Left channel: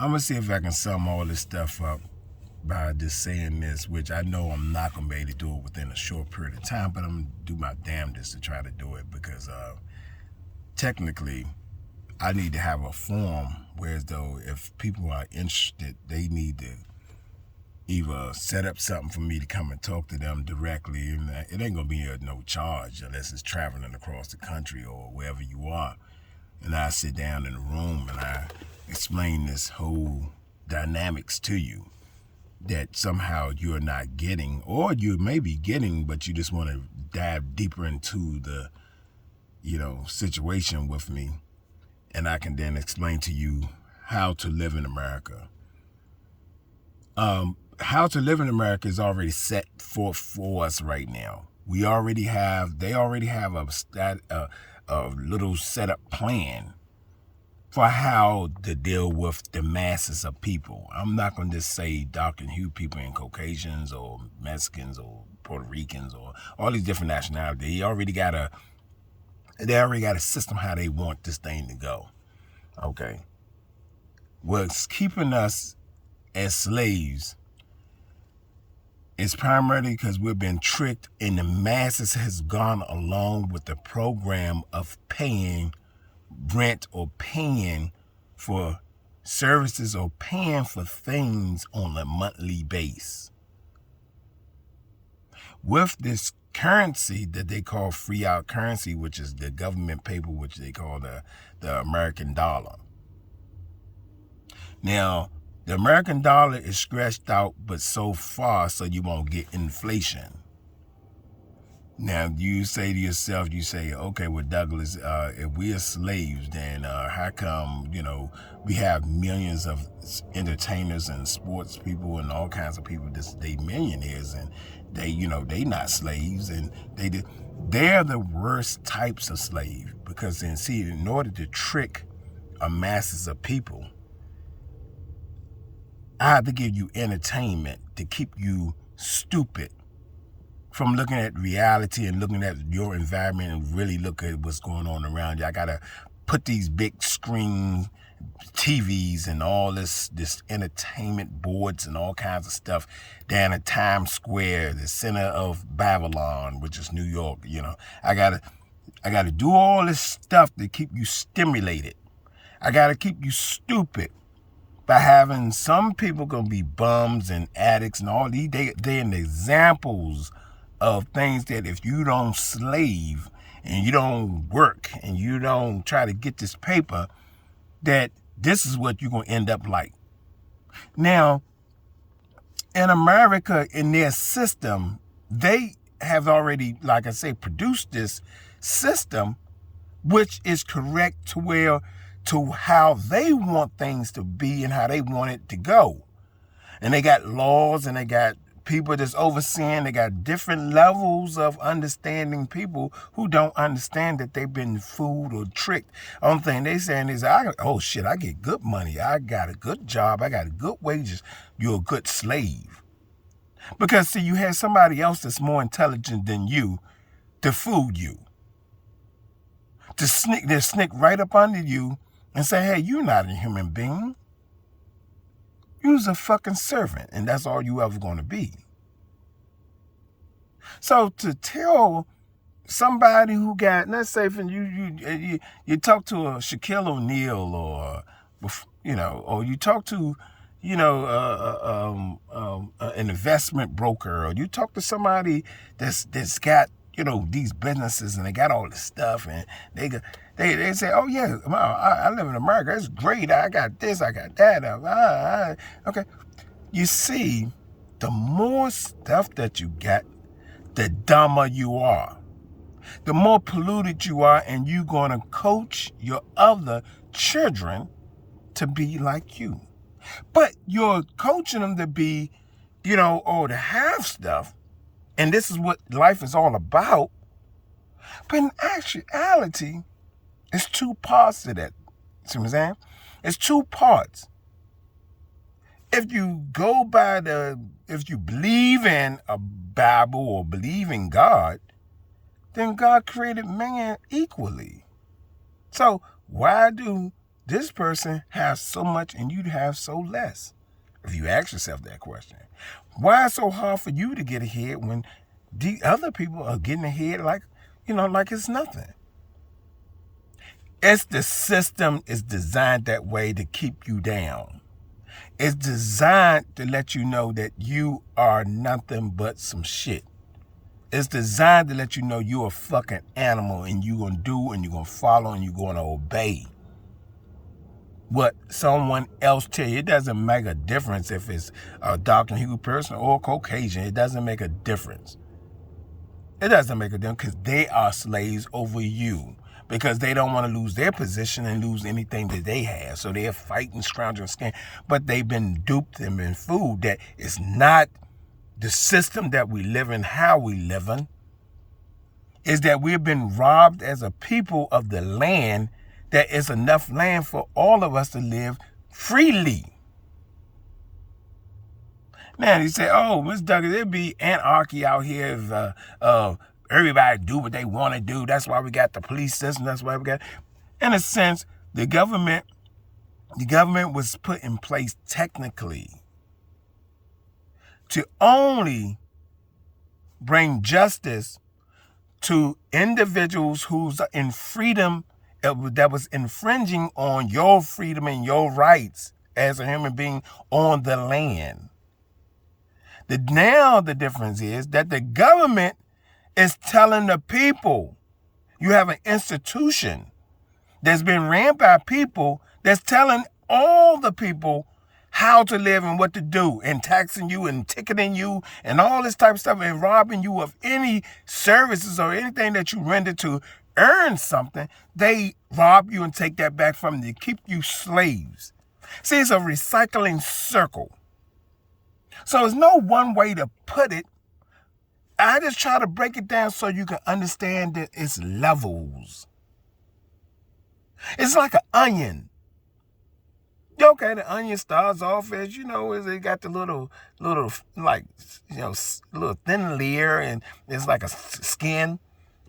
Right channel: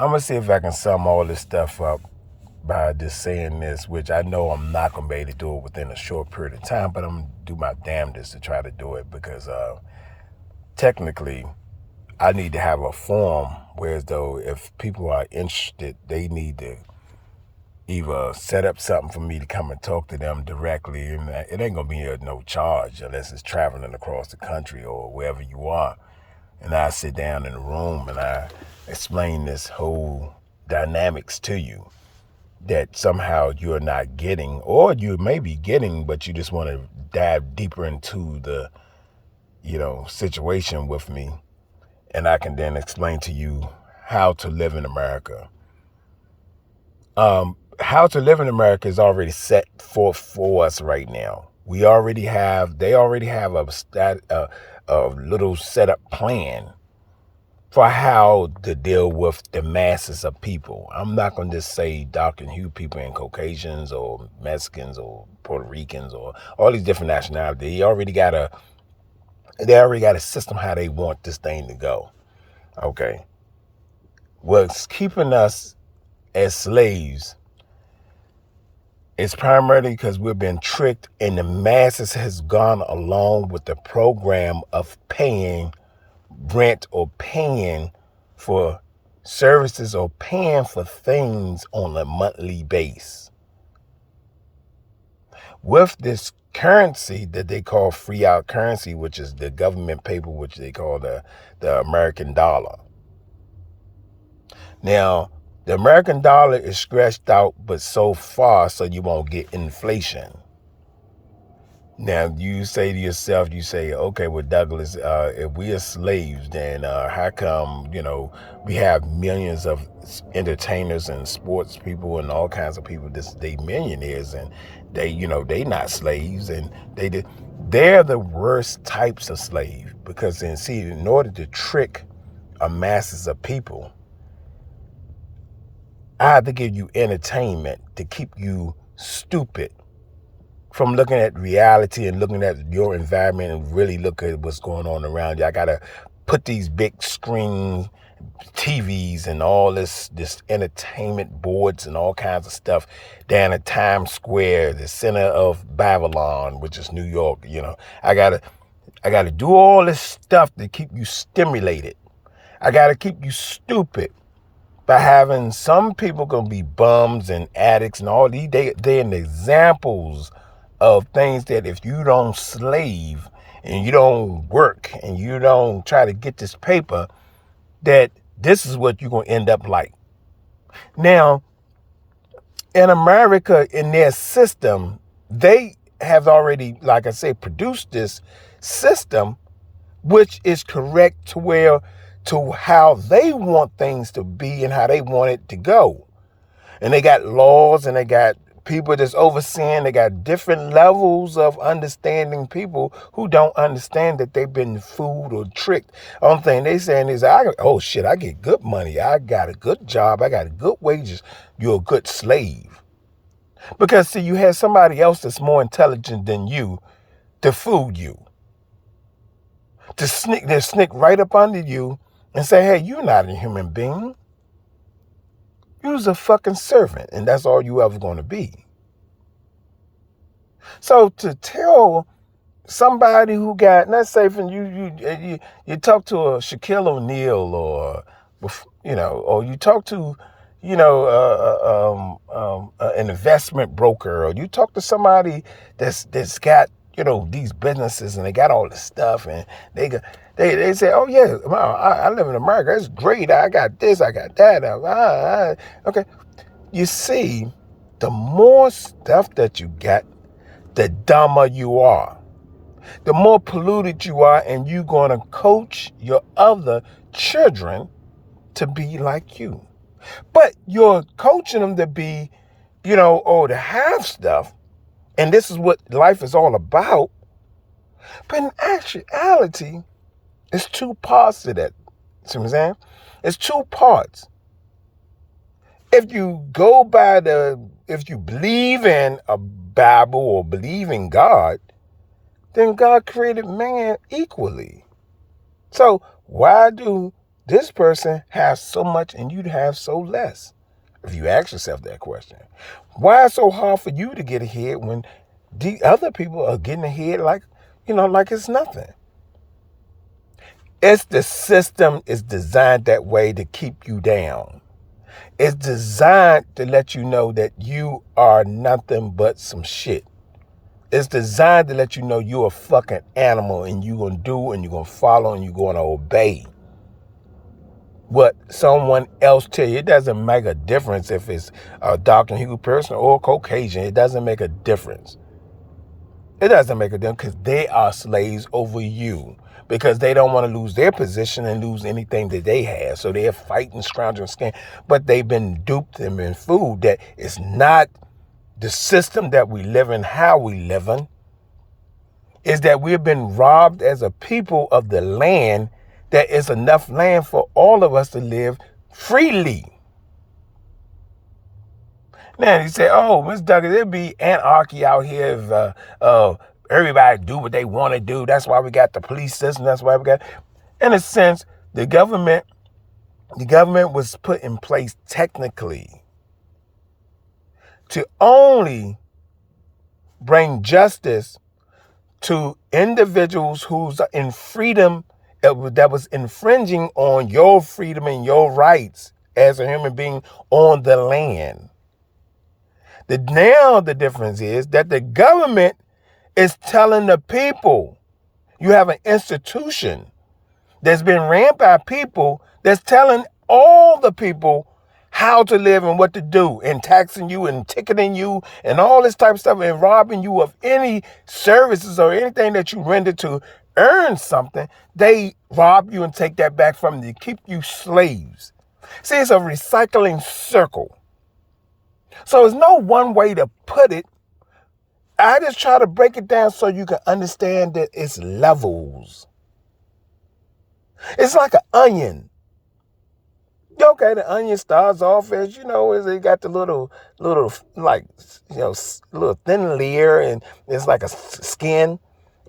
I'm going to see if I can sum all this stuff up by just saying this, which I know I'm not going to be able to do it within a short period of time, but I'm going to do my damnedest to try to do it because technically I need to have a forum whereas though if people are interested, they need to either set up something for me to come and talk to them directly, and it ain't going to be no charge unless it's traveling across the country or wherever you are. And I sit down in a room and I explain this whole dynamics to you that somehow you're not getting, or you may be getting, but you just want to dive deeper into the, situation with me. And I can then explain to you how to live in America. How to live in America is already set forth for us right now. They already have a little setup plan for how to deal with the masses of people. I'm not going to just say dark and hue people and Caucasians or Mexicans or Puerto Ricans or all these different nationalities. They already got a system how they want this thing to go. Okay. What's keeping us as slaves is primarily because we've been tricked and the masses has gone along with the program of paying rent or paying for services or paying for things on a monthly base. With this currency that they call fiat currency, which is the government paper, which they call the American dollar. Now, the American dollar is stretched out, but so far so you won't get inflation. Now, you say to yourself, okay, well, Douglas, if we are slaves, then how come, we have millions of entertainers and sports people and all kinds of people, they millionaires, and they not slaves, and they're the worst types of slave because in order to trick a masses of people, I have to give you entertainment to keep you stupid from looking at reality and looking at your environment and really look at what's going on around you. I got to put these big screen TVs and all this entertainment boards and all kinds of stuff down at Times Square, the center of Babylon, which is New York. I got to do all this stuff to keep you stimulated. I got to keep you stupid by having some people going to be bums and addicts and all these. They're examples of things that if you don't slave and you don't work and you don't try to get this paper, that this is what you're going to end up like. Now, in America, in their system, they have already, like I say, produced this system, which is correct to how they want things to be and how they want it to go. And they got laws and they got people that's overseeing. They got different levels of understanding people who don't understand that they've been fooled or tricked. Only thing they saying is, I get good money. I got a good job. I got good wages. You're a good slave. Because see, you have somebody else that's more intelligent than you to fool you. To sneak right up under you and say, hey, you're not a human being. You's a fucking servant, and that's all you ever going to be. So to tell somebody who got, not say from you talk to a Shaquille O'Neal or you talk to an investment broker, or you talk to somebody that's got these businesses and they got all this stuff, and they say, oh yeah, I live in America, it's great, I got this, I got that. Okay, you see, the more stuff that you get, the dumber you are, the more polluted you are, and you're going to coach your other children to be like you. But you're coaching them to be, to have stuff, and this is what life is all about. But in actuality, it's two parts to that. See what I'm saying? It's two parts. If you if you believe in a Bible or believe in God, then God created man equally. So why do this person has so much and you have so less? If you ask yourself that question, why is it so hard for you to get ahead when the other people are getting ahead like it's nothing? It's the system is designed that way to keep you down. It's designed to let you know that you are nothing but some shit. It's designed to let you know you're a fucking animal and you're going to do and you're going to follow and you're going to obey what someone else tell you. It doesn't make a difference if it's a Dr. Hugh person or a Caucasian. It doesn't make a difference. It doesn't make a difference because they are slaves over you because they don't want to lose their position and lose anything that they have. So they're fighting, scrounging skin, but they've been duped and been fooled that it's not the system that we live in, how we live in, is that we've been robbed as a people of the land. That is enough land for all of us to live freely. Now, you say, oh, Ms. Douglas, there'd be anarchy out here if everybody do what they want to do. That's why we got the police system. That's why we got, in a sense, the government was put in place technically to only bring justice to individuals who's in freedom that was infringing on your freedom and your rights as a human being on the land. Now the difference is that the government is telling the people, you have an institution that's been ran by people that's telling all the people how to live and what to do, and taxing you and ticketing you and all this type of stuff and robbing you of any services or anything that you render to earn something. They rob you and take that back from you, keep you slaves. See, it's a recycling circle. So there's no one way to put it. I just try to break it down so you can understand that it's levels. It's like an onion. Okay, the onion starts off as, it got the little thin layer, and it's like a skin,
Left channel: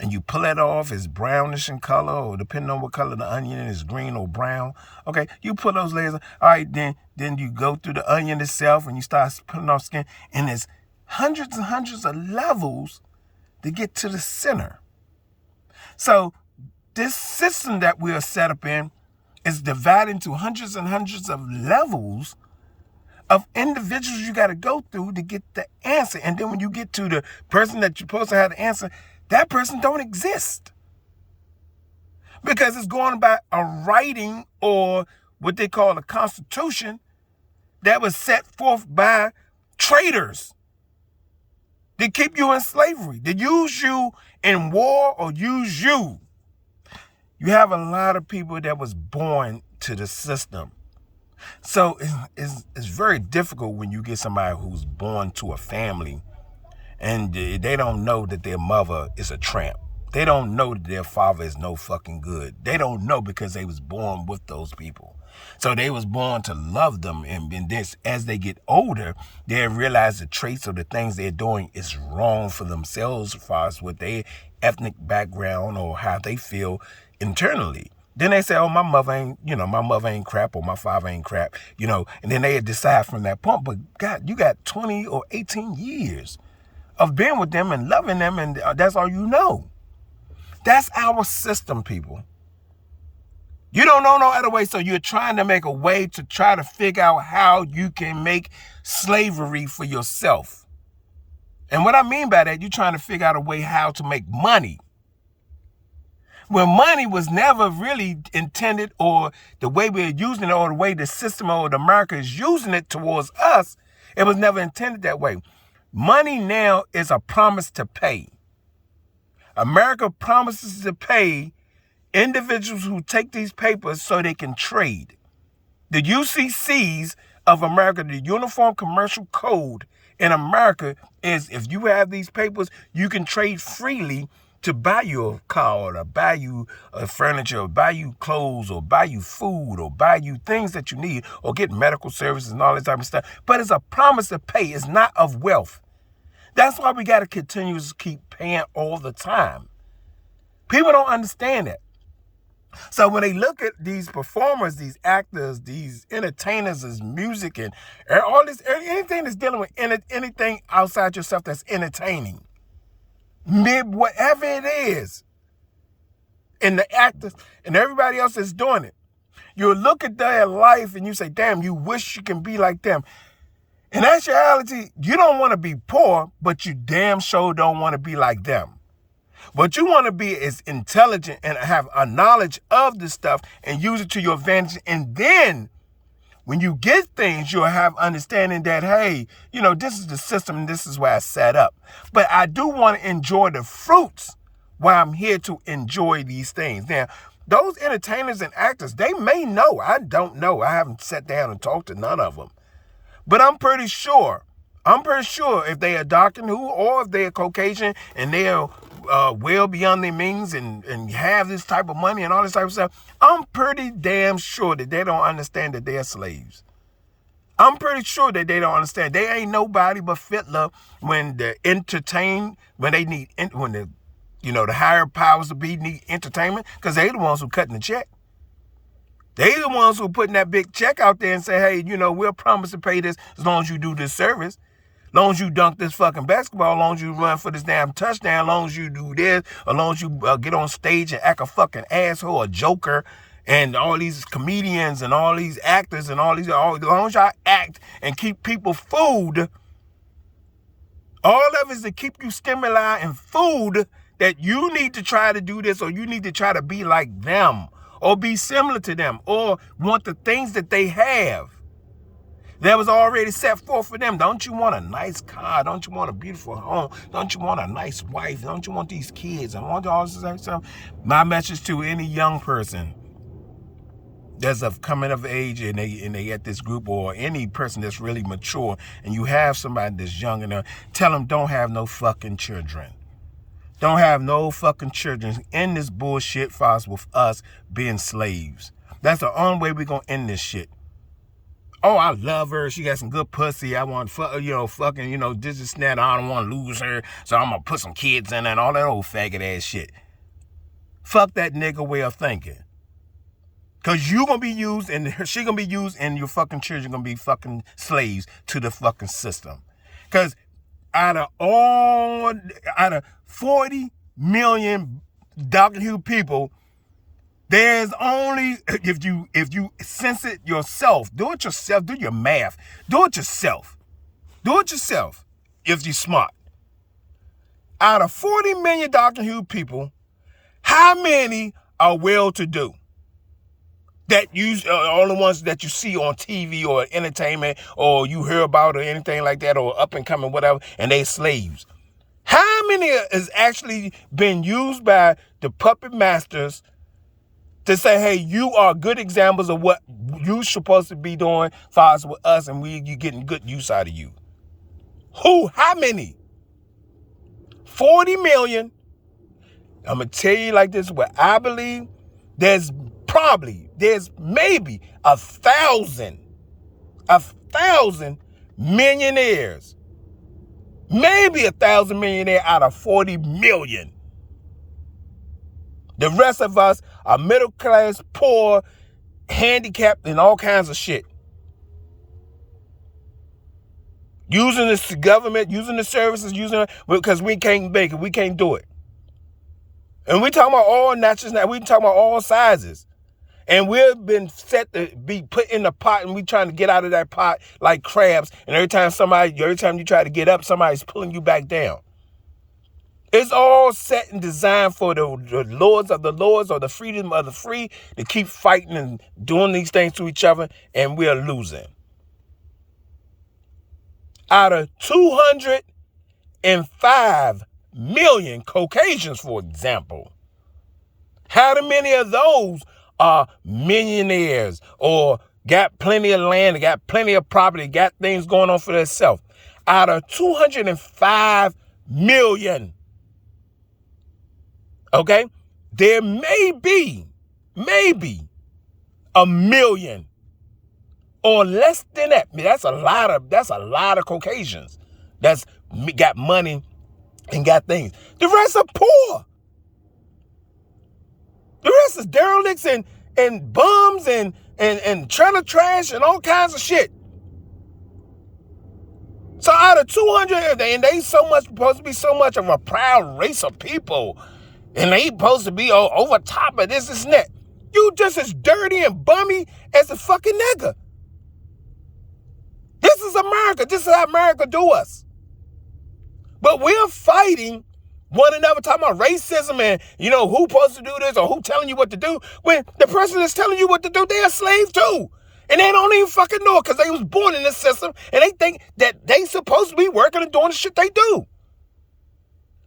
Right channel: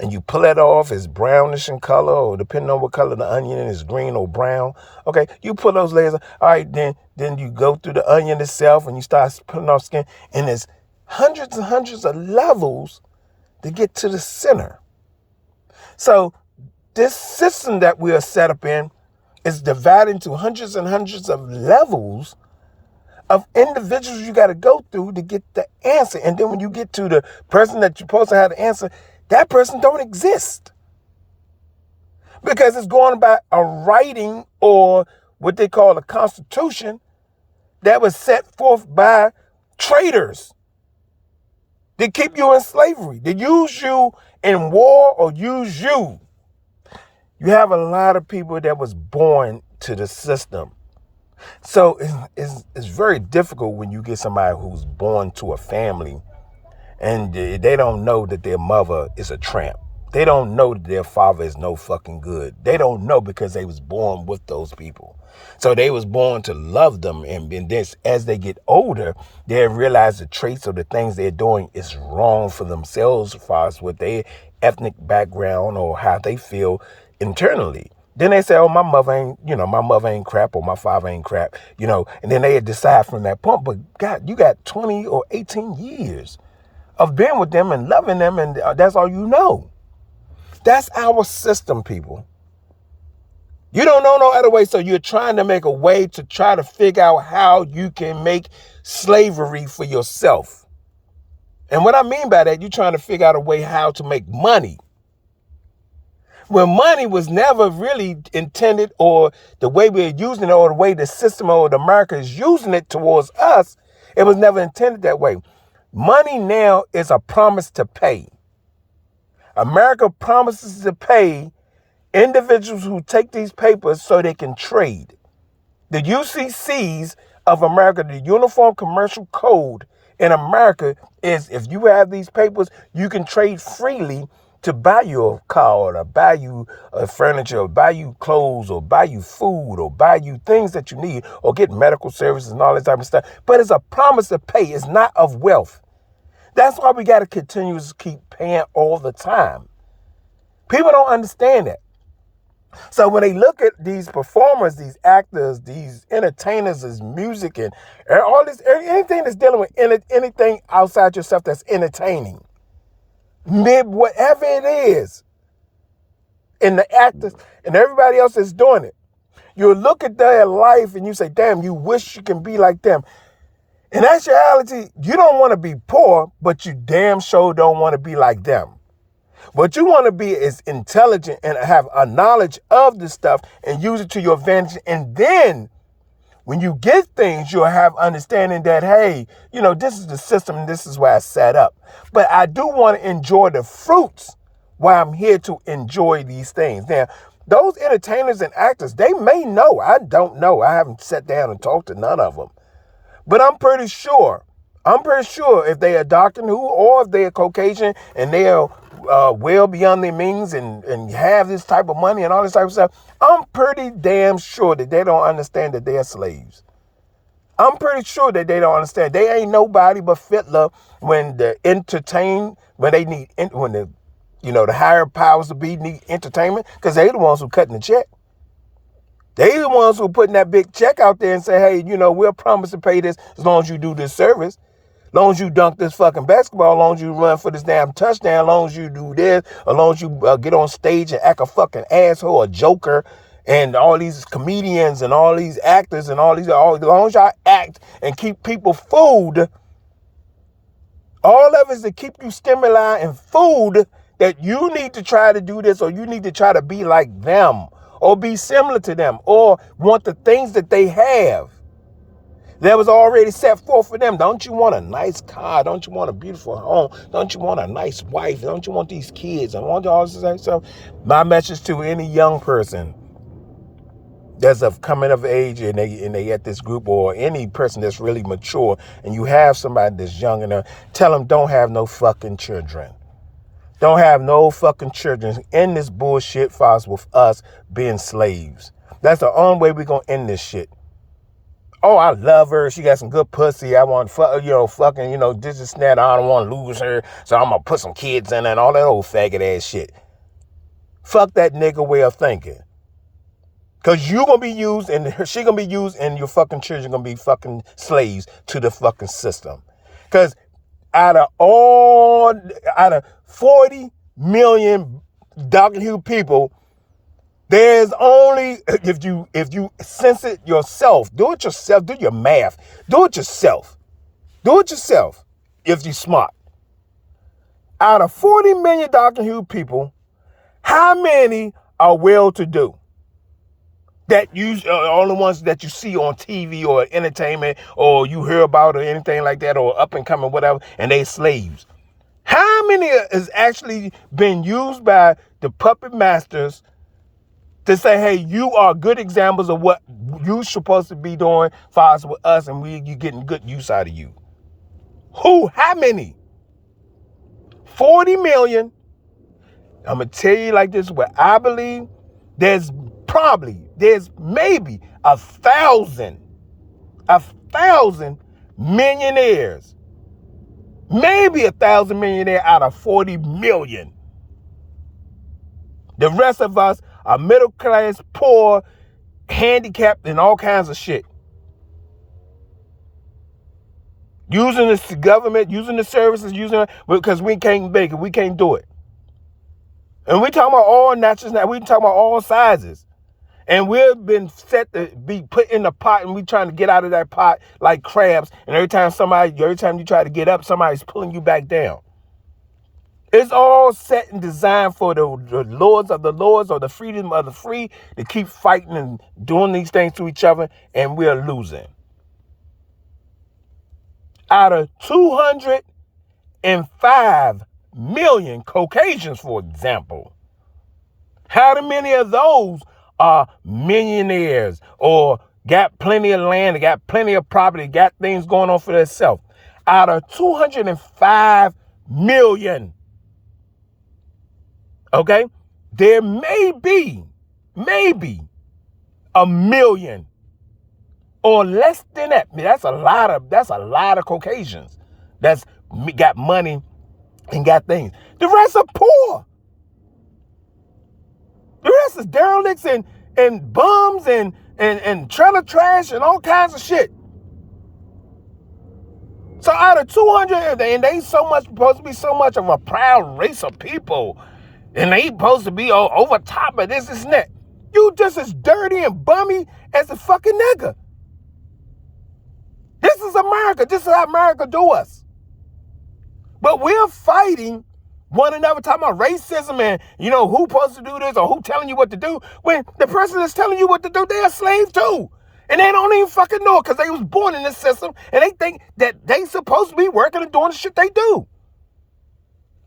and you pull it off, it's brownish in color, or depending on what color the onion is, green or brown. Okay, you pull those layers. All right, then you go through the onion itself, and you start pulling off skin, and there's hundreds and hundreds of levels to get to the center. So this system that we are set up in is divided into hundreds and hundreds of levels of individuals you got to go through to get the answer. And then when you get to the person that you're supposed to have the answer, that person don't exist. Because it's going by a writing, or what they call a constitution, that was set forth by traitors. They keep you in slavery. They use you in war or use you. You have a lot of people that was born to the system. So it's very difficult when you get somebody who's born to a family and they don't know that their mother is a tramp. They don't know that their father is no fucking good. They don't know because they was born with those people. So they was born to love them. And this, as they get older, they realize the traits or the things they're doing is wrong for themselves as far as what their ethnic background or how they feel internally. Then they say, oh, my mother ain't crap, or my father ain't crap, and then they decide from that point. But God, you got 20 or 18 years of being with them and loving them, and that's all you know. That's our system, people. You don't know no other way, so you're trying to make a way to try to figure out how you can make slavery for yourself. And what I mean by that, you're trying to figure out a way how to make money. When money was never really intended, or the way we're using it, or the way the system or the America is using it towards us, it was never intended that way. Money now is a promise to pay. America promises to pay individuals who take these papers so they can trade. The UCCs of America, the Uniform Commercial Code in America, is if you have these papers, you can trade freely to buy you a car, or buy you furniture, or buy you clothes, or buy you food, or buy you things that you need, or get medical services and all that type of stuff. But it's a promise to pay. It's not of wealth. That's why we got to continue to keep paying all the time. People don't understand that. So when they look at these performers, these actors, these entertainers, this music, and all this, anything that's dealing with anything outside yourself that's entertaining, whatever it is, and the actors and everybody else that's doing it, you look at their life and you say, damn, you wish you can be like them. In actuality, you don't want to be poor, but you damn sure don't want to be like them. What you want to be is intelligent and have a knowledge of this stuff and use it to your advantage. And then when you get things, you'll have understanding that, hey, this is the system and this is where I set up. But I do want to enjoy the fruits while I'm here to enjoy these things. Now, those entertainers and actors, they may know. I don't know. I haven't sat down and talked to none of them. But I'm pretty sure if they are Dr. Who or if they are Caucasian and they are well beyond their means and have this type of money and all this type of stuff, I'm pretty damn sure that they don't understand that they're slaves. I'm pretty sure that they don't understand. They ain't nobody but fiddler when they're entertained, when they need, when the higher powers to be need entertainment, because they the ones who cutting the check. They the ones who putting that big check out there and say, hey, we'll promise to pay this as long as you do this service. As long as you dunk this fucking basketball, as long as you run for this damn touchdown, as long as you do this, as long as you get on stage and act a fucking asshole, a joker, and all these comedians and all these actors and as long as y'all act and keep people food, all of it is to keep you stimuli and food that you need to try to do this or you need to try to be like them or be similar to them or want the things that they have that was already set forth for them. Don't you want a nice car? Don't you want a beautiful home? Don't you want a nice wife? Don't you want these kids? And want all this stuff? My message to any young person that's of coming of age and they at this group, or any person that's really mature and you have somebody that's young enough, tell them don't have no fucking children. Don't have no fucking children in this bullshit files with us being slaves. That's the only way we're going to end this shit. Oh, I love her. She got some good pussy. I want fucking, this and that. I don't want to lose her. So I'm going to put some kids in her and all that old faggot ass shit. Fuck that nigga way of thinking. Because you're going to be used and she going to be used and your fucking children going to be fucking slaves to the fucking system. Because out of 40 million Dr. Who people, there's only, if you sense it yourself, do it yourself, do your math, do it yourself if you're smart. Out of 40 million Dr. Who people, how many are well-to-do? That all the ones that you see on TV or entertainment or you hear about or anything like that or up and coming, whatever, and they slaves. How many is actually been used by the puppet masters to say, hey, you are good examples of what you're supposed to be doing for us with us and you getting good use out of you? Who? How many? 40 million. I'm going to tell you like this, what I believe, there's maybe 1,000 millionaires. Maybe 1,000 millionaires out of 40 million. The rest of us are middle class, poor, handicapped, and all kinds of shit. Using this government, using the services, because we can't make it, we can't do it. And we talking about all natures now. We talking about all sizes. And we've been set to be put in the pot and we trying to get out of that pot like crabs. And every time you try to get up, somebody's pulling you back down. It's all set and designed for the lords of the lords or the freedom of the free to keep fighting and doing these things to each other, and we're losing. Out of 205 million Caucasians, for example, how many of those are millionaires or got plenty of land, got plenty of property, got things going on for themselves? Out of 205 million, okay, there may be a million or less than that. That's a lot of Caucasians that's got money and got things. The rest are poor. The rest is derelicts and bums and trailer trash and all kinds of shit. So out of 200, and they supposed to be so much of a proud race of people, and they supposed to be over top of this and that. You just as dirty and bummy as a fucking nigga. This is America. This is how America do us. But we're fighting one another, talking about racism and, who supposed to do this or who telling you what to do. When the person that's telling you what to do, they're a slave too. And they don't even fucking know it because they was born in this system and they think that they supposed to be working and doing the shit they do.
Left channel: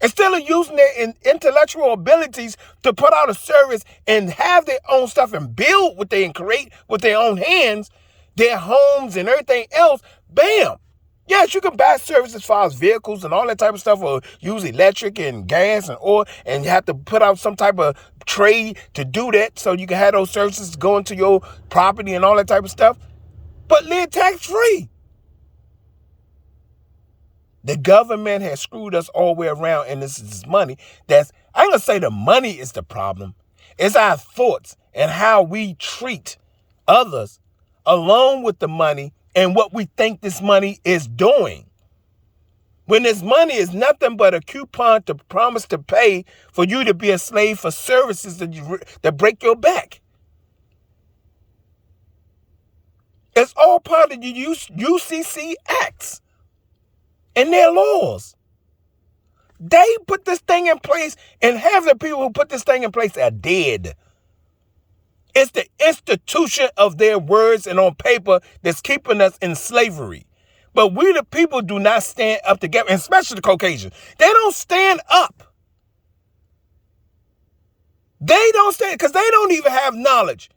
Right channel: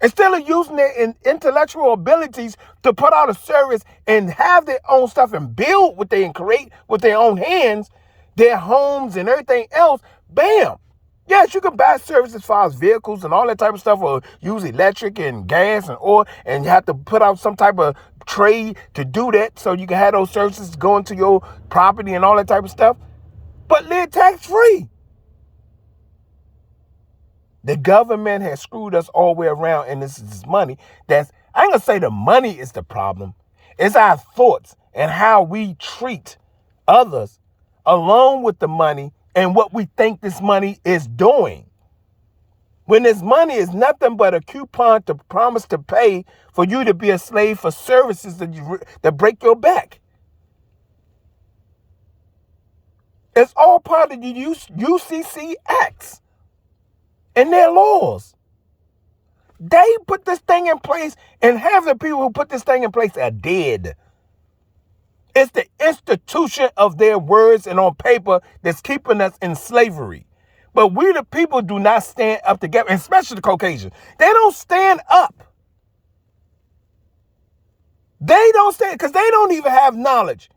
Instead of using their intellectual abilities to put out a service and have their own stuff and build what they and create with their own hands, their homes and everything else, bam. Yes, you can buy services as far as vehicles and all that type of stuff, or use electric and gas and oil, and you have to put out some type of trade to do that so you can have those services going to your property and all that type of stuff. But live tax-free. The government has screwed us all the way around, and this is money. I ain't going to say the money is the problem. It's our thoughts and how we treat others along with the money and what we think this money is doing. When this money is nothing but a coupon to promise to pay for you to be a slave for services that break your back. It's all part of the UCC acts and their laws. They put this thing in place, and half the people who put this thing in place are dead. It's the institution of their words and on paper that's keeping us in slavery. But we the people do not stand up together, especially the Caucasians. They don't stand up. They don't stand, because they don't even have knowledge.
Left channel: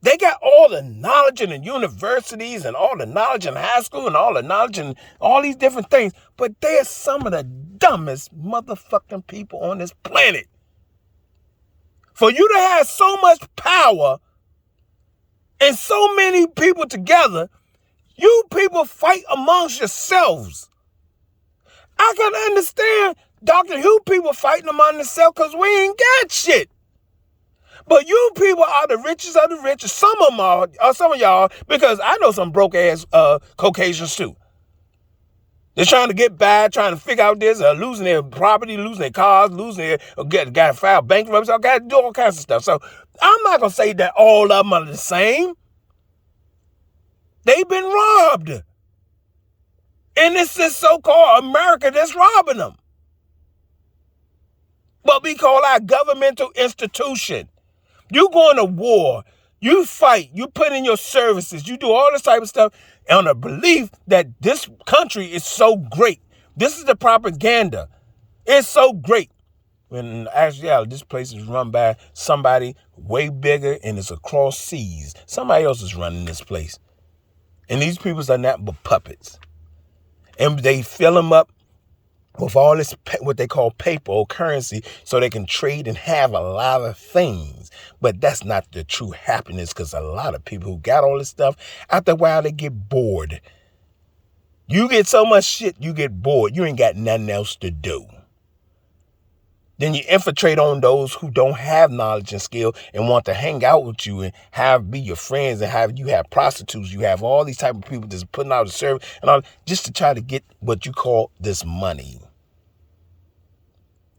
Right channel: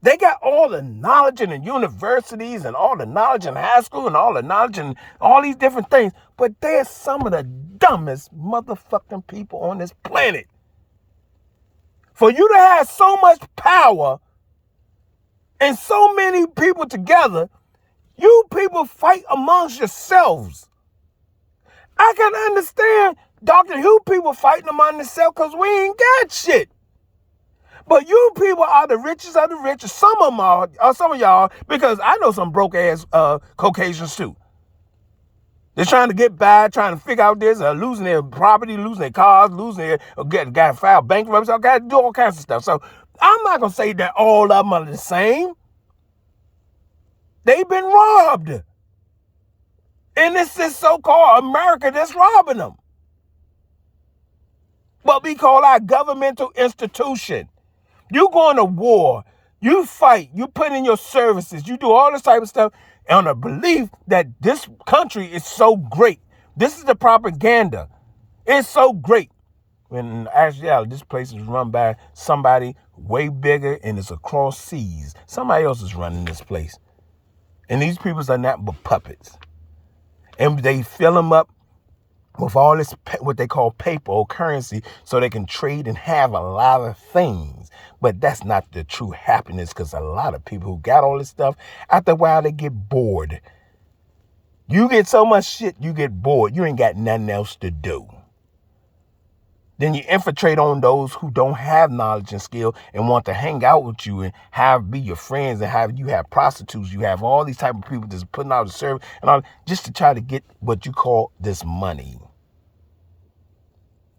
They got all the knowledge in the universities and all the knowledge in high school and all the knowledge in all these different things. But they're some of the dumbest motherfucking people on this planet. For you to have so much power and so many people together, you people fight amongst yourselves. I can understand Dr. Who people fighting among themselves because we ain't got shit. But you people are the richest of the richest. Some of them are, some of y'all, because I know some broke ass Caucasians too. They're trying to get by, trying to figure out this, losing their property, losing their cars, losing their, got to file bankruptcy, got to do all kinds of stuff. So I'm not going to say that all of them are the same. They've been robbed. And it's this so-called America that's robbing them. But we call our governmental institution. You go into war, you fight, you put in your services, you do all this type of stuff on a belief that this country is so great. This is the propaganda. It's so great. When actually, this place is run by somebody way bigger and it's across seas. Somebody else is running this place. And these people are not but puppets. And they fill them up with all this, what they call paper or currency, so they can trade and have a lot of things. But that's not the true happiness, because a lot of people who got all this stuff, after a while, they get bored. You get so much shit, you get bored. You ain't got nothing else to do. Then you infiltrate on those who don't have knowledge and skill and want to hang out with you and be your friends, and have prostitutes, you have all these type of people that's putting out a service and all, just to try to get what you call this money.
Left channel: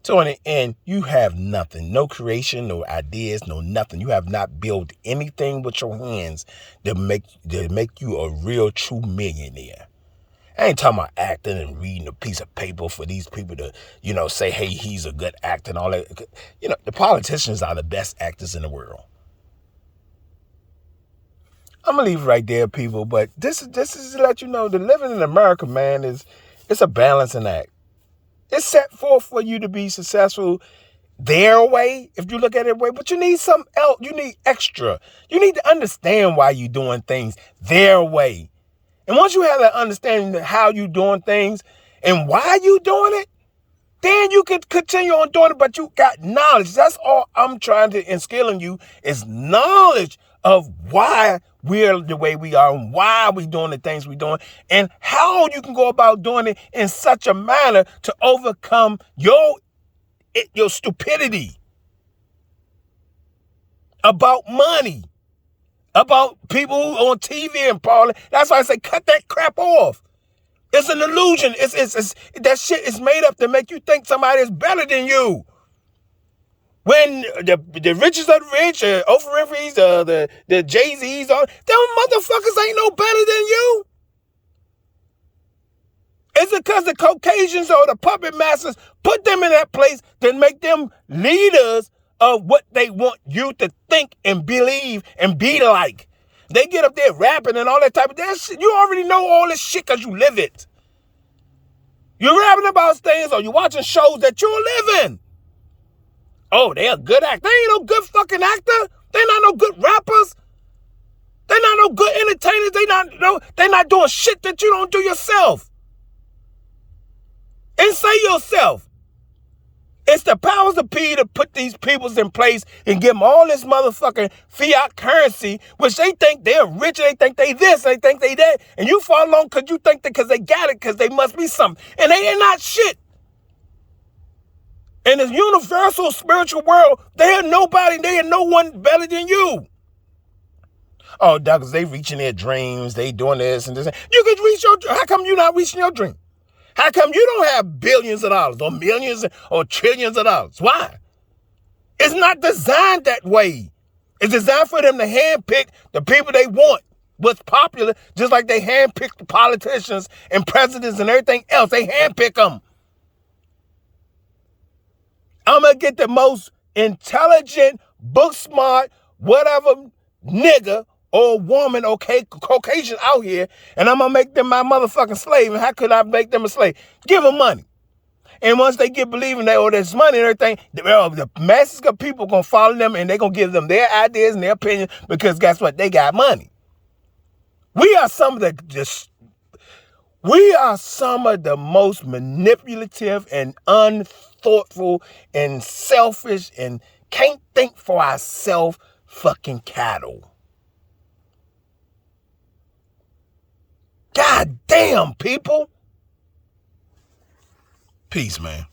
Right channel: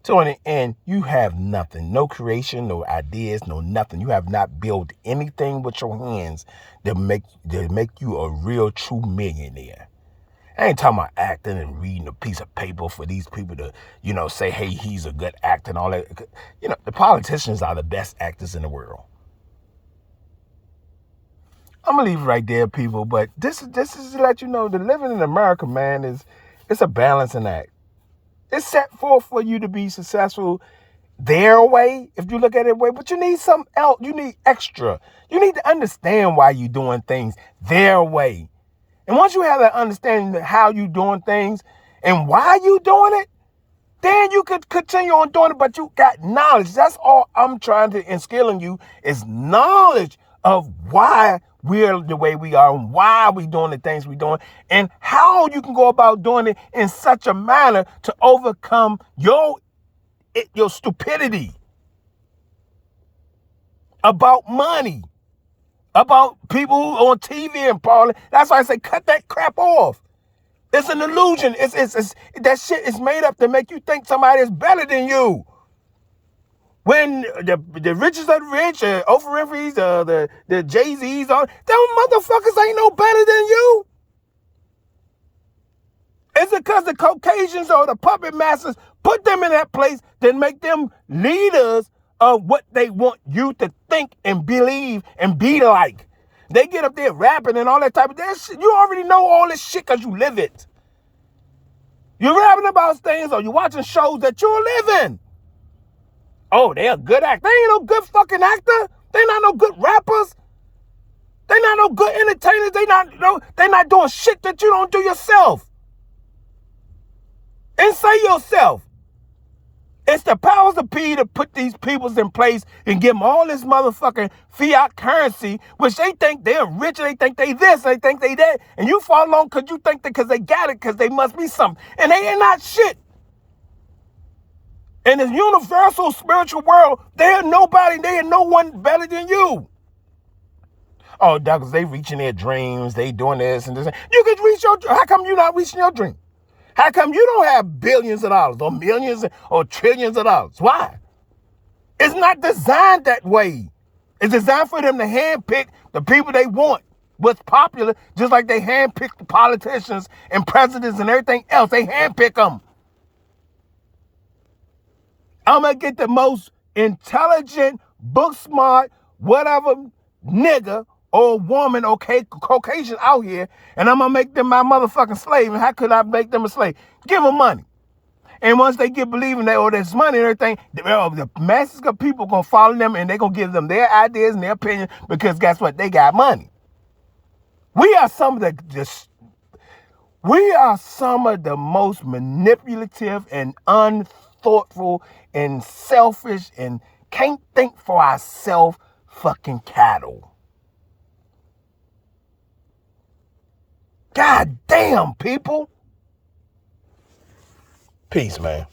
So in the end, you have nothing, no creation, no ideas, no nothing. You have not built anything with your hands that make you a real true millionaire. I ain't talking about acting and reading a piece of paper for these people to, say, hey, he's a good actor and all that. The politicians are the best actors in the world. I'm going to leave it right there, people. But this is to let you know that living in America, man, it's a balancing act. It's set forth for you to be successful their way, if you look at it way, but you need something else. You need extra. You need to understand why you're doing things their way. And once you have that understanding of how you doing things and why you doing it, then you could continue on doing it, but you got knowledge. That's all I'm trying to instill in you, is knowledge of why we're the way we are and why we're doing the things we're doing and how you can go about doing it in such a manner to overcome your stupidity. about money, about people on TV and parliament. That's why I say cut that crap off. It's an illusion. It's that shit is made up to make you think somebody is better than you. When the richest of the rich, Oprah Winfrey's, the Jay-Z's, them motherfuckers ain't no better than you. It's because the Caucasians or the puppet masters put them in that place that make them leaders of what they want you to think and believe and be like. They get up there rapping and all that type of shit. You already know all this shit because you live it. You're rapping about things or you're watching shows that you're living. Oh, they a good actor. They ain't no good fucking actor. They not no good rappers. They not no good entertainers. They not doing shit that you don't do yourself. And say yourself. It's the powers of P to put these peoples in place and give them all this motherfucking fiat currency, which they think they're rich, they think they this, they think they that, and you fall along because you think that because they got it, because they must be something. And they ain't not shit. In this universal spiritual world, they are nobody, they are no one better than you. Oh, Douglas, they reaching their dreams, they doing this and this. You can reach your, how come you not reaching your dream? How come you don't have billions of dollars or millions or trillions of dollars? Why? It's not designed that way. It's designed for them to handpick the people they want, what's popular, just like they handpick the politicians and presidents and everything else. They handpick them. I'm going to get the most intelligent, book smart, whatever nigga or woman or Caucasian out here, and I'm going to make them my motherfucking slave. And how could I make them a slave? Give them money. And once they get believing that, oh, there's money and everything, the masses of people going to follow them and they're going to give them their ideas and their opinion because guess what? They got money. We are some of the most manipulative and unthoughtful and selfish and can't think for ourselves fucking cattle. God damn, people. Peace, man.